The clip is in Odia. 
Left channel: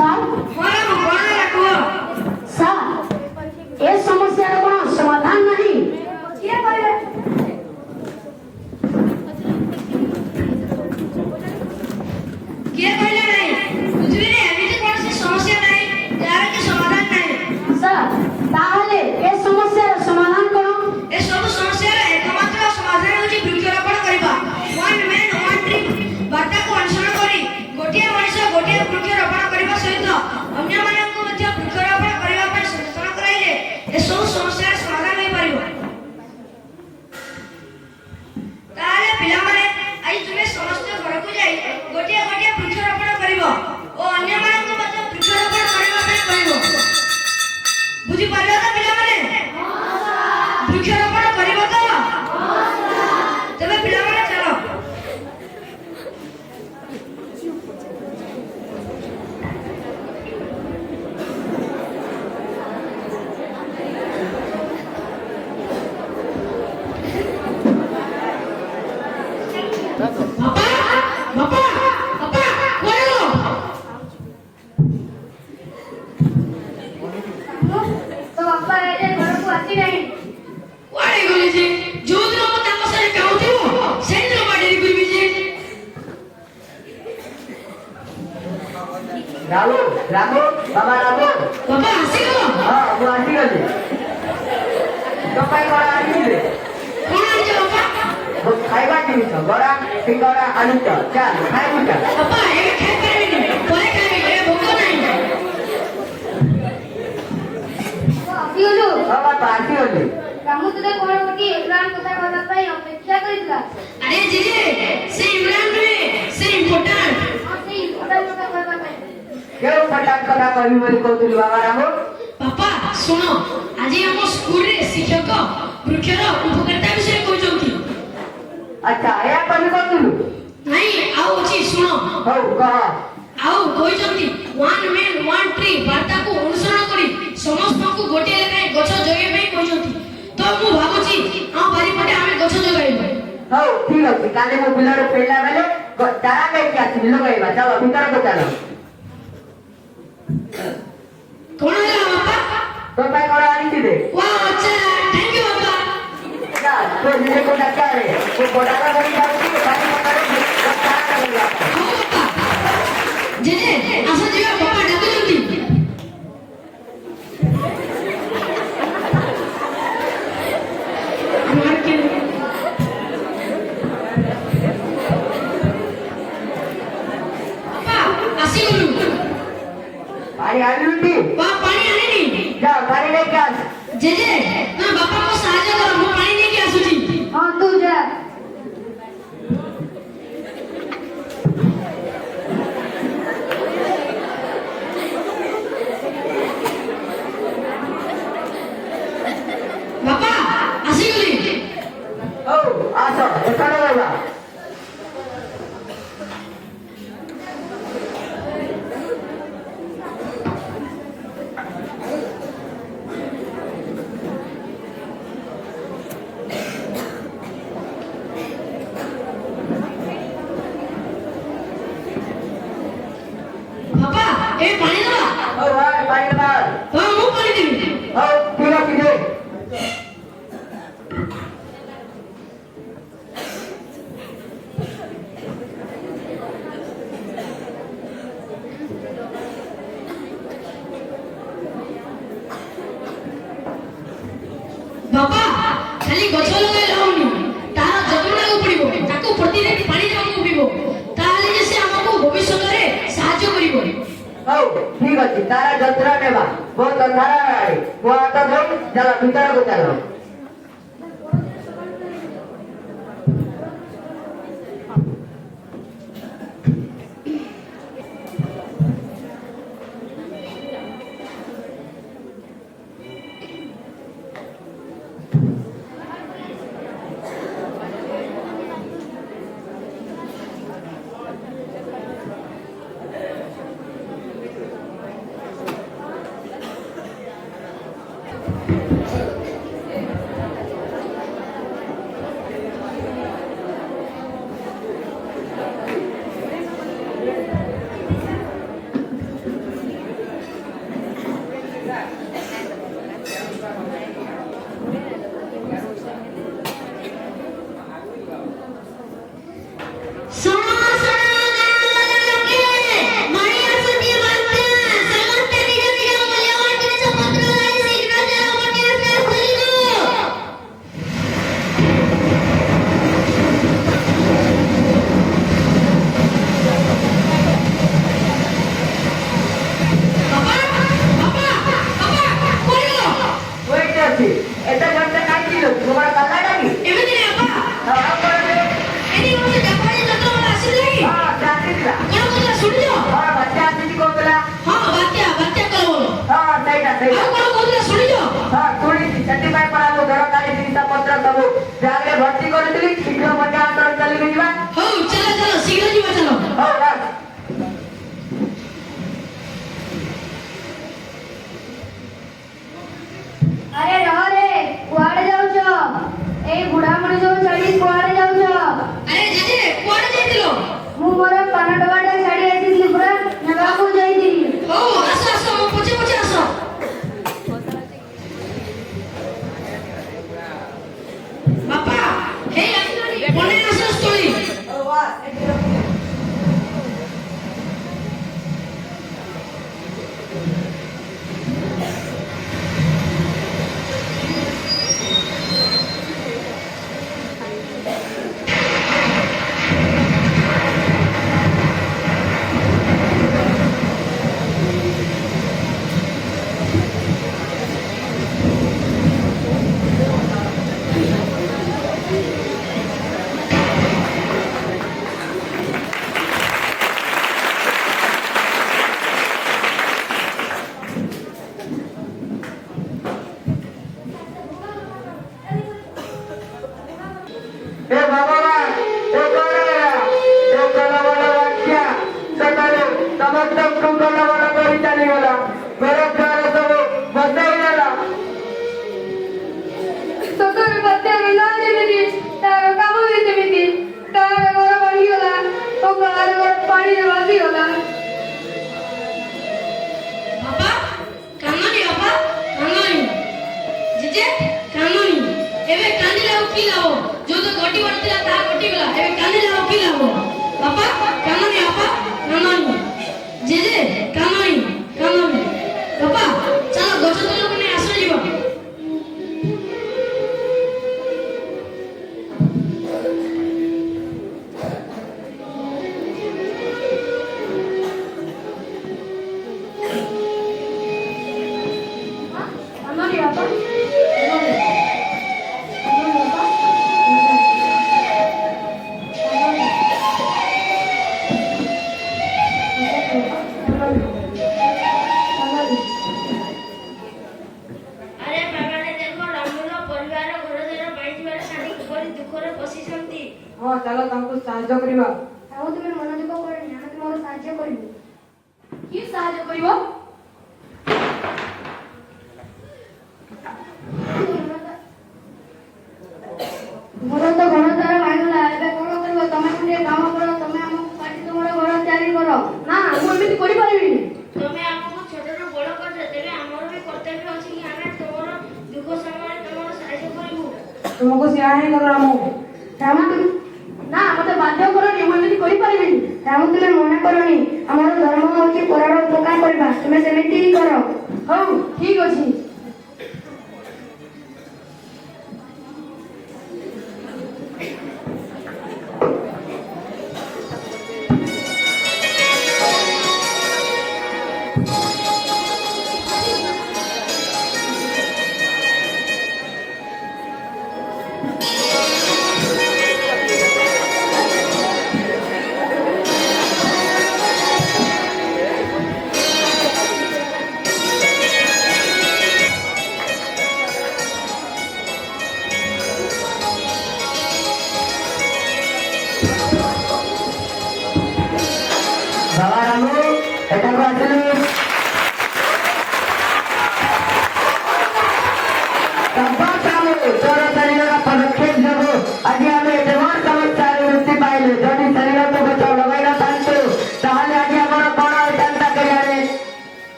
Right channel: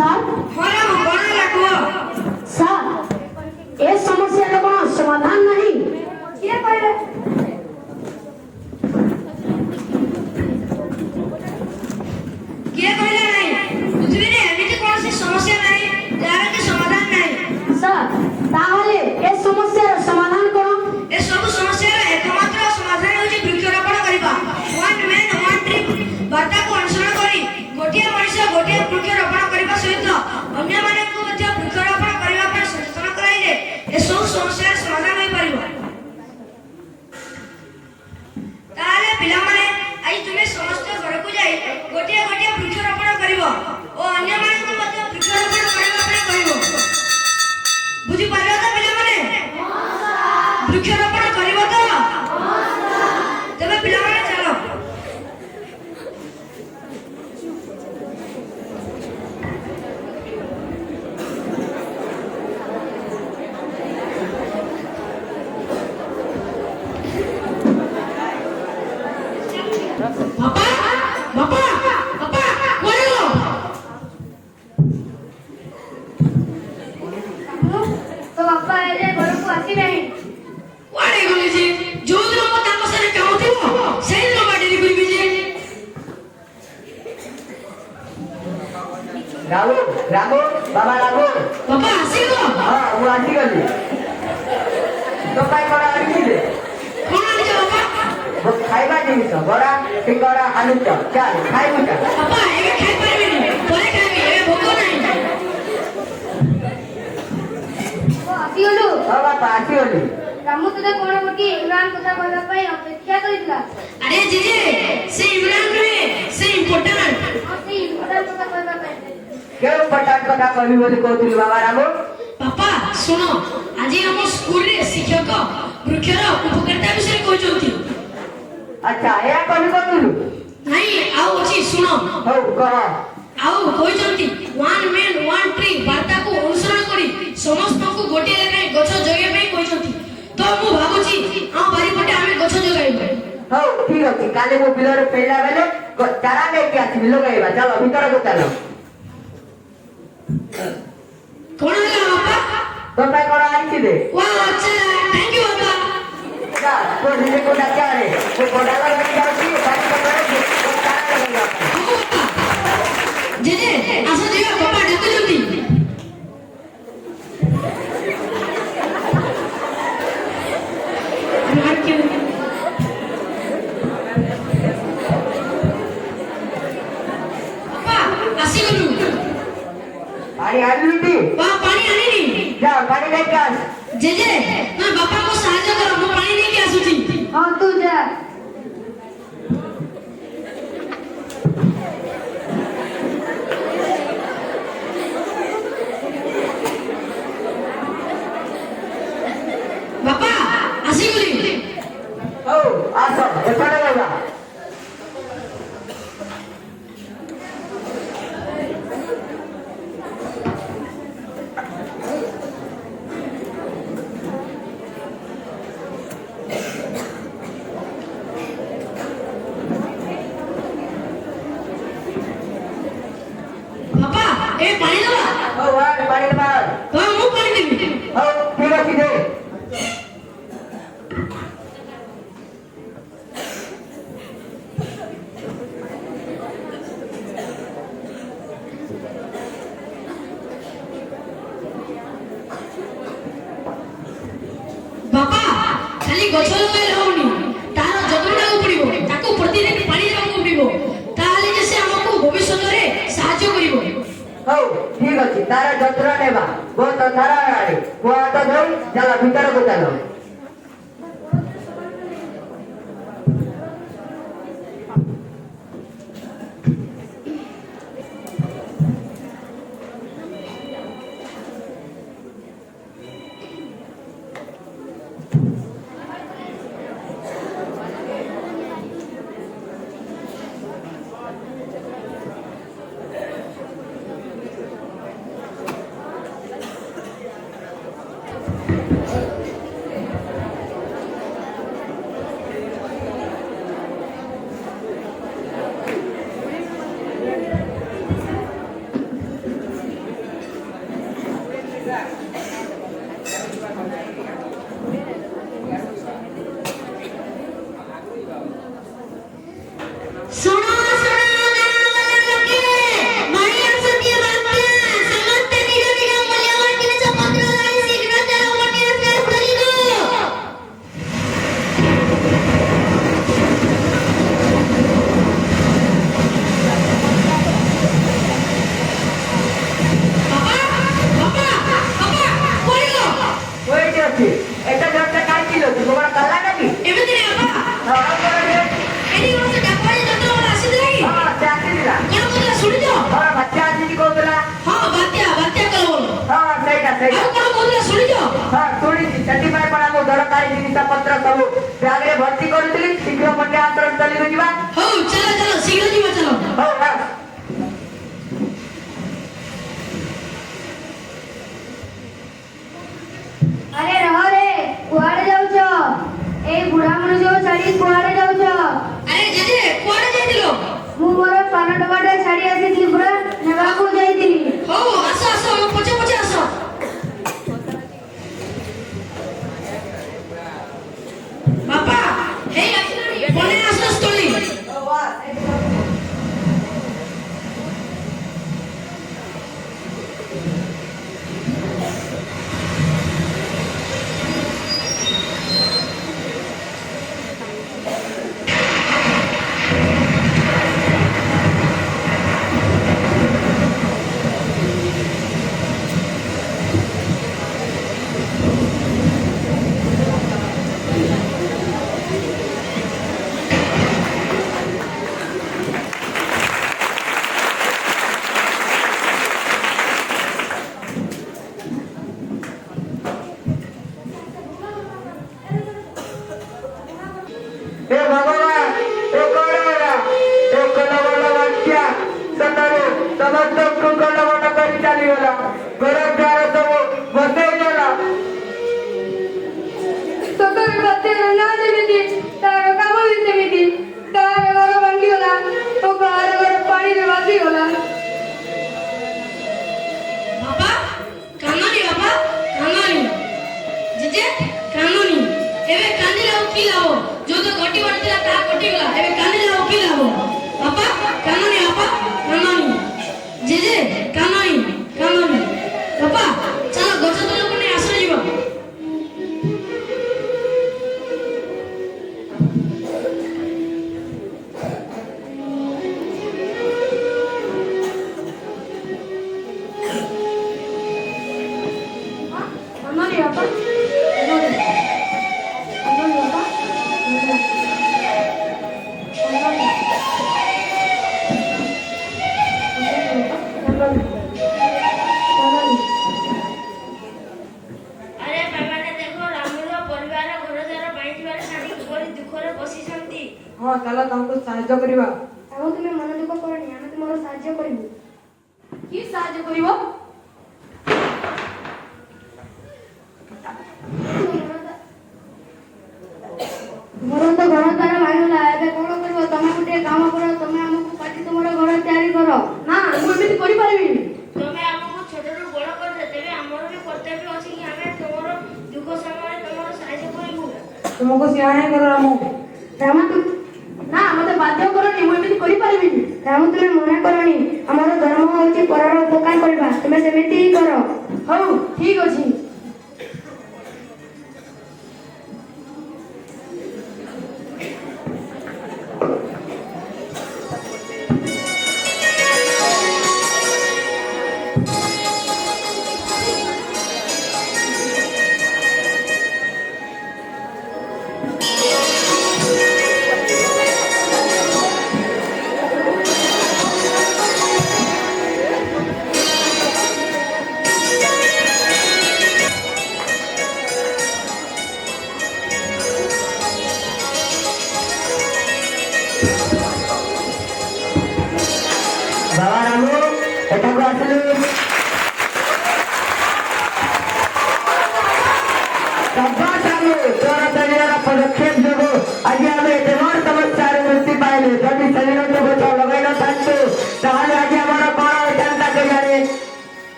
ସାର୍ ହଁ କଣ ହେଲା କୁହ? ସାର୍ ଏ ସମସ୍ୟାର କ'ଣ ସମାଧାନ ନାହିଁ? କିଏ କହିଲେ? କିଏ କହିଲେ ନାହିଁ? ପୃଥିବୀରେ ଏମିତି କୌଣସି ସମସ୍ୟା ନାହିଁ ଯାହାର କି ସମାଧାନ ନାହିଁ। ସାର୍ ତାହେଲେ ଏ ସମସ୍ୟାର ସମାଧାନ କ'ଣ? ଏସବୁ ସମସ୍ୟାର ଏକମାତ୍ର ସମାଧାନ ହେଉଛି ବୃକ୍ଷରୋପଣ କରିବା। ୱାନ୍ ମ୍ୟାନ୍ ୱାନ୍ ଟ୍ରି ବାର୍ତ୍ତାକୁ ଅନୁସରଣ କରି ଗୋଟିଏ ମଣିଷ ଗୋଟିଏ ବୃକ୍ଷରୋପଣ କରିବା ସହିତ ଅନ୍ୟମାନଙ୍କୁ ମଧ୍ୟ ବୃକ୍ଷରୋପଣ କରିବା ପାଇଁ ସଚେତନ କରାଇଲେ ଏସବୁ ସମସ୍ୟାର ସମାଧାନ ହୋଇପାରିବ। ତାହେଲେ ପିଲାମାନେ ଆଜି ତୁମେ ସମସ୍ତେ ଘରକୁ ଯାଇ ଗୋଟିଏ ଗୋଟିଏ ବୃକ୍ଷରୋପଣ କରିବ ଓ ଅନ୍ୟମାନଙ୍କୁ ମଧ୍ୟ ବୃକ୍ଷରୋପଣ କରିବା ପାଇଁ କହିବ। ବୁଝିପାରିଲ ତ ପିଲାମାନେ? ବୃକ୍ଷରୋପଣ କରିବ ତ? ତେବେ ପିଲାମାନେ ଚାଲ। ବାପା ବାପା ବାପା କୁଆଡ଼େ ଗଲ? तो बापा आए घरକୁ ଆସିନାହିଁ। କୁଆଡ଼େ ଗଲେ ଯେ? ଯୋଉଦିନ ମୁଁ ତାଙ୍କ ସାଙ୍ଗରେ ଖାଉଥିବ ସେଇଦିନ ବାଡେଇ କରିବି ଯେ। रामू रामू बाबा रामू ବାପା ଆସିଗଲ? हाँ ମୁଁ ଆସିଗଲି ତୋ ପାଇଁ ବରା ଆଣିଛି କଣ ଆଣିଛ ବାପା? ମୋ ଖାଇବା ଜିନିଷ ବରା ସିଙ୍ଗଡ଼ା ଆଳୁଚପ ଚାଲ ଖାଇବୁ ଚାଲ ବାପା ଏବେ ଖାଇପାରିବିନି, ପରେ ଖାଇବି, ଏବେ ଭୋକ ନାହିଁ। ତ ଆସିଗଲୁ। ହଁ ବାପା ଆସିଗଲି ରାମୁ ତତେ କଣ ଗୋଟିଏ ଇମ୍ରାନ କଥା କହିବା ପାଇଁ ଅପେକ୍ଷା କରିଥିଲା। ଆରେ ଜେଜେ ସେ ଇମ୍ରାନ ନୁହେଁ, ସେ ଇମ୍ପୋର୍ଟାଣ୍ଟ। ହଁ ସେଇ ଇମ୍ରାନ କଥା କହିବା ପାଇଁ। କେଉଁ ପଟାକ କଥା କହିବି ବୋଲି କହୁଥିଲି ବାବା ରାମୁ ବାପା ଶୁଣ, ଆଜି ଆମ ସ୍କୁଲରେ ଶିକ୍ଷକ ବୃକ୍ଷର ଉପକାରିତା ବିଷୟରେ କହିଛନ୍ତି। ଆଚ୍ଛା ଏହା କହି କହୁଥିଲୁ ନାଇଁ ଆଉ ଅଛି, ଶୁଣ। ହଉ କହ ଆଉ କହିଛନ୍ତି ୱାନ୍ ମ୍ୟାନ୍ ୱାନ୍ ଟ୍ରି ବାର୍ତ୍ତାକୁ ଅନୁସରଣ କରି ସମସ୍ତଙ୍କୁ ଗୋଟିଏ ଲେଖାଏଁ ଗଛ ଯୋଗାଇବା ପାଇଁ କହିଛନ୍ତି। ତ ମୁଁ ଭାବୁଛି ଆମ ବାରିପଟେ ଆମେ ଗଛ ଯୋଗାଇବା। ହଉ ଠିକ ଅଛି କାଲି ମୁଁ ବିଲରେ ଫେରିଲା ବେଳେ ଚାରା ନେଇକି ଆସିବି ଲଗାଇବା ଚାଲ ଭିତରକୁ ଚାଲ କଣ ହେଲା ବାପା? ତୋ ପାଇଁ ବରା ଆଣିଛି ରେ ୱାଓ ଆଚ୍ଛା, ଥ୍ୟାଙ୍କ ୟୁ ବାପା। ତୋ ନିଜକୁ ଡାକାରେ ସେ ବରା ନେଇକି ଯାଉଛି ତାରି ପାଖରେ ଚାରା ଲଗାଇବା ପାଇଁ ହଉ ବାପା। ଜେଜେ ଆସ ଯିବା, ବାପା ଡାକୁଛନ୍ତି। ବାପା ଆସିଗଲୁ। ପାଣି ଆଣିଲୁଟି ପାଣି ଆଣିନି। ଯା ପାଣି ନେଇକି ଆସ ଜେଜେ ତମେ ବାପାଙ୍କୁ ସାହାଯ୍ୟ କର, ମୁଁ ପାଣି ନେଇକି ଆସୁଛି। ହଁ ତୁ ଯା। ବାପା ଆସିଗଲି। ହଉ ଆସ ଏକା ଲଗାଇବା ବାପା ଏ ପାଣି ଦେବା। ହଉ ଭାଇ ପାଣି ବାହାର ହଁ ମୁଁ ପାଣି ଦେବି। ହଉ ଠିକ ଅଛି ଦେ ବାପା ଖାଲି ଗଛ ଲଗାଇଲେ ହଉନି, ତାର ଯତ୍ନ ନେବାକୁ ପଡିବ, ତାକୁ ପ୍ରତିଦିନ ପାଣି ଦେବାକୁ ପଡିବ, ତାହେଲେ ଯେ ସେ ଆମକୁ ଭବିଷ୍ୟତରେ ସାହାଯ୍ୟ କରିବ। ହଉ ଠିକ ଅଛି ତାର ଯତ୍ନ ନେବା ବହୁତ ଅନ୍ଧାର ହେଲାଣି ମୋ ହାତ ଧରି ଚାଲ ଭିତରକୁ ଚାଲ ବ୍ୟାଗରେ ଭର୍ତ୍ତି କରୁଥିଲି ଶୀଘ୍ର ମଣ୍ଡା ଅଞ୍ଚଳ ଚାଲିବୁ ଯିବା। ହଉ ଚାଲ ଚାଲ ଶୀଘ୍ର ଯିବା ଚାଲ। ହଉ ବାସ୍। ଆରେ ରହ ରେ, କୁଆଡେ ଯାଉଛ? ଏଇ ବୁଢା ମଣିଷକୁ ଛାଡି କୁଆଡେ ଯାଉଛ? ଆରେ ଜେଜେ କୁଆଡେ ଯାଇଥିଲ? ମୁଁ ମୋର ପାନ ଡବାଟା ଛାଡି ଆସିଥିଲି ପୁରା, ନେବାକୁ ଯାଇଥିଲି। ହଉ ଆସ ଆସ ମୋ ପଛେ ପଛେ ଆସ। ବାପା ହେଇ ଆସିଲାଣି ପୁଣି ଆସ ସ୍ଥଳୀ। ହଉ ବାସ୍ ଏଠି ରଖ। हे भगवान हे करुणा हे कलवल वाक्या सकाळी समस्त कलवल କରି ଚାଲିଗଲା ଘର ଦ୍ୱାର ସବୁ ବସେଇଦେଲା। ସତରେ ବାତ୍ୟାର ନା ଯେମିତି ତାର କାମ ବି ସେମିତି। ତାର ଘର ଭାଙ୍ଗିଗଲା ଓ ବାହାର ଘର ପାଣିରେ ଭାସିଗଲା। ବାପା କାନ୍ଦନି ବାପା କାନ୍ଦନି। ଜେଜେ କାନ୍ଦନି। ଏବେ କାନ୍ଦିଲେ ଆଉ କି ଲାଭ? ଯୋଉ ତ ଘଟି ଘଟିଥିଲା ତାହା ଘଟିଗଲା, ଏବେ କାନ୍ଦିଲେ ଆଉ କି ଲାଭ? ବାପା କାନ୍ଦନି ବାପା କାନ୍ଦନି। ଜେଜେ କାନ୍ଦନି କାନ୍ଦନି। ବାପା ଚାଲ ଗଛ ତଳକୁ ନେଇ ଆସ ଯିବା। କାନ୍ଦନି ବାପା, ଆରେ ବାବାଟା ଦେଖ ରାମୁର ପରିବାର ଘରଦ୍ୱାର ବାଣ୍ଟିବାର ଛାଡ଼ି କିପରି ଦୁଃଖରେ ବସିଛନ୍ତି। ହଁ ଚାଲ ତାଙ୍କୁ ସାହାଯ୍ୟ କରିବା। ଆଉ ତୁମେ ମନ ଦୁଃଖ କରନି, ଆମେ ତୁମର ସାହାଯ୍ୟ କରିବୁ। କି ସାହାଯ୍ୟ କରିବ? ମୋର ତ ଘର ଦ୍ୱାର ଭାଙ୍ଗିଗଲା, ଏବେ କଣ କରିବ? ତମେ ଗୋଟିଏ କାମ କର, ତମେ ଆମକୁ କାଟି ତୁମର ଘର ତିଆରି କର। ନା ମୁଁ ଏମିତି କରିପାରିବିନି। ତମେ ଆମକୁ ଛୋଟରୁ ବଡ଼ କରିଛ, ତେବେ ଆମର ବି କର୍ତ୍ତବ୍ୟ ଅଛି କି ଆମେ ତମର ଦୁଃଖ ସମୟରେ ତମର ସାହାଯ୍ୟ କରିବୁ। ତୁମକୁ ସିଆଣା ହିଁ କର ରାମୁ। ରାମ, ନା ମତେ ବାଧ୍ୟ କରନି, ମୁଁ ଏମିତି କରିପାରିବିନି। ରାମ ତୁମେ ମନେ କରନି, ଆମର ଧର୍ମ ହେଉଛି ପରର ଉପକାର କରିବା। ତୁମେ ସେମିତି ହିଁ କର। ହଉ ଠିକ ଅଛି। ବାବା ରାମୁ ଏଠାକୁ ଆସିଲି। ସାବାସ୍ ରାମୁ, ତୋର ଶରୀରର ପଦକ୍ଷେପ